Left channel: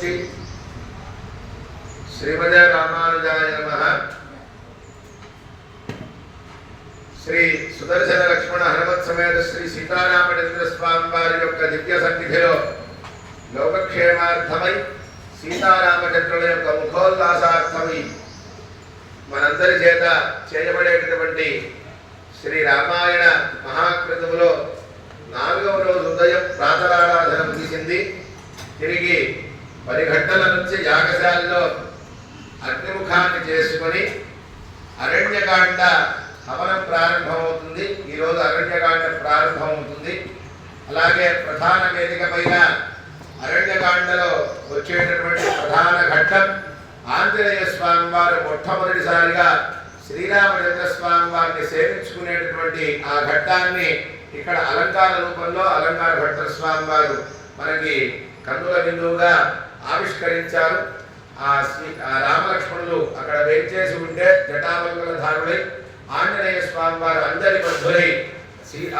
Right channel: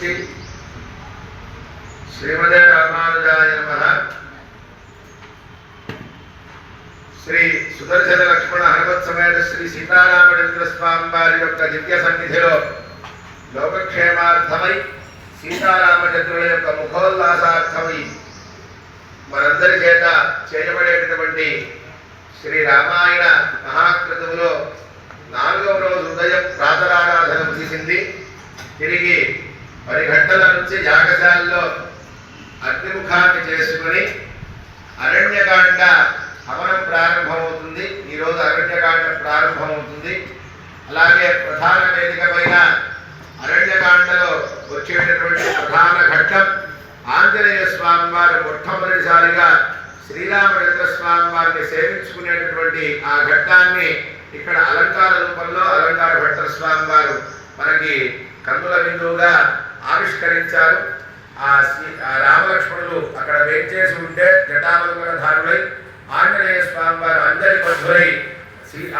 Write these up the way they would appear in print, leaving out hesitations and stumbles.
श्रीमूर्ति श्रीमदे रामानुजाय नमः। श्री सुदर्शन लक्ष्मण हनुमत समेत श्री सीतारामचंद्र स्वामी वाరి యొక్క దివ్య సన్నిధిలో లోకక్షేమార్థమై సీతారామచంద్రుల యొక్క ముఖోల్లాసార్థమై మనందరి చేత చేయబడేటటువంటి శ్రీ రామాయణ మహాకృతములో 4వ రోజు ఉదయం ప్రాతరారాధన ముగిసింది. తిరిగి 10 గంటల నుంచి యాగశాలలో అగ్నిముఖాన్ని చేసుకొని అరణ్యకాండ హవనం ప్రారంభమవుతుంది. ఈరోజు అరణ్యకాండ ప్రారంభమవుతుంది. అలాగే ప్రధాన వేదిక పైన అరణ్యకాండలో వచ్చేటటువంటి ప్రధాన ఘట్టం ఆంజనేయ స్వామి వారు మొట్టమొదటిసారిగా శ్రీరామచంద్ర స్వామి వారిని సేవించుకునేటటువంటి ఆ ఘట్టాన్ని ఇక్కడ అలంకార రూపంలో అలంకార భట్టర్ స్వామి వారు మనకి కన్నుల బిందువుగా ఆవిష్కరించారు. ఆ రామలక్ష్మణులు అక్కడ వేంచేసి ఉంటే జటామలంగధారులై ఆంజనేయ స్వామి వారు అంజలి బద్ధులై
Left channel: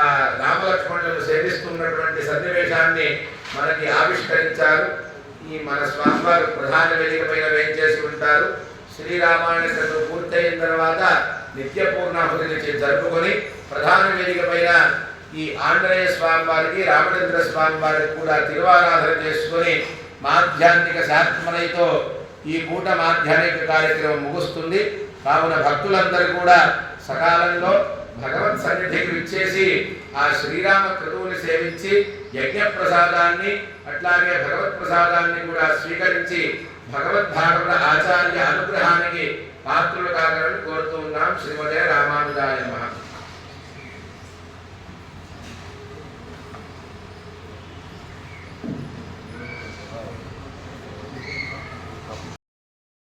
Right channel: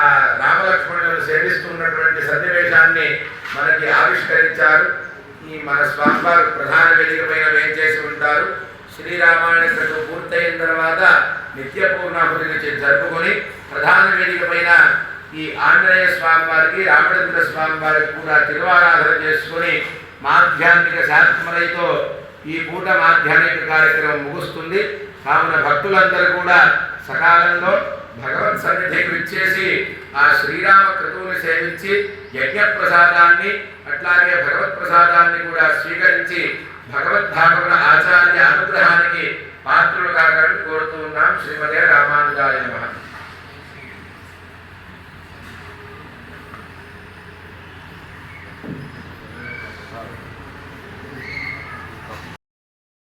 ఆ రామలక్ష్మణులను సేవిస్తున్నటువంటి సన్నివేశాన్ని మనకి ఆవిష్కరించారు. ఈ మన స్వామివారు ప్రధాన వేదిక పైన వేంచేసి ఉంటారు. శ్రీరామాయణ కథ పూర్తయిన తర్వాత నిత్య పూర్ణాహుతిని జరుపుకొని ప్రధాన వేదిక పైన ఈ ఆంజనేయ స్వామి వారికి రామచంద్ర స్వామి వారికి కూడా తిరువారాధన చేసుకుని మాధ్యాన్నిక శాంతమలైతో ఈ పూట మాధ్యాన్నిక కార్యక్రమం ముగుస్తుంది. కావున భక్తులందరూ కూడా సకాలంలో భగవత్ సన్నిధికి విచ్చేసి ఆ శ్రీరామ క్రతువుని సేవించి యజ్ఞ ప్రసాదాన్ని అట్లాగే భగవత్ ప్రసాదాన్ని కూడా స్వీకరించి భగవద్భాగవత ఆచార్య అనుగ్రహానికి పాత్రులు కాగలని కోరుతూ ఉన్నాం. శ్రీమదే రామానుజాయ నమః.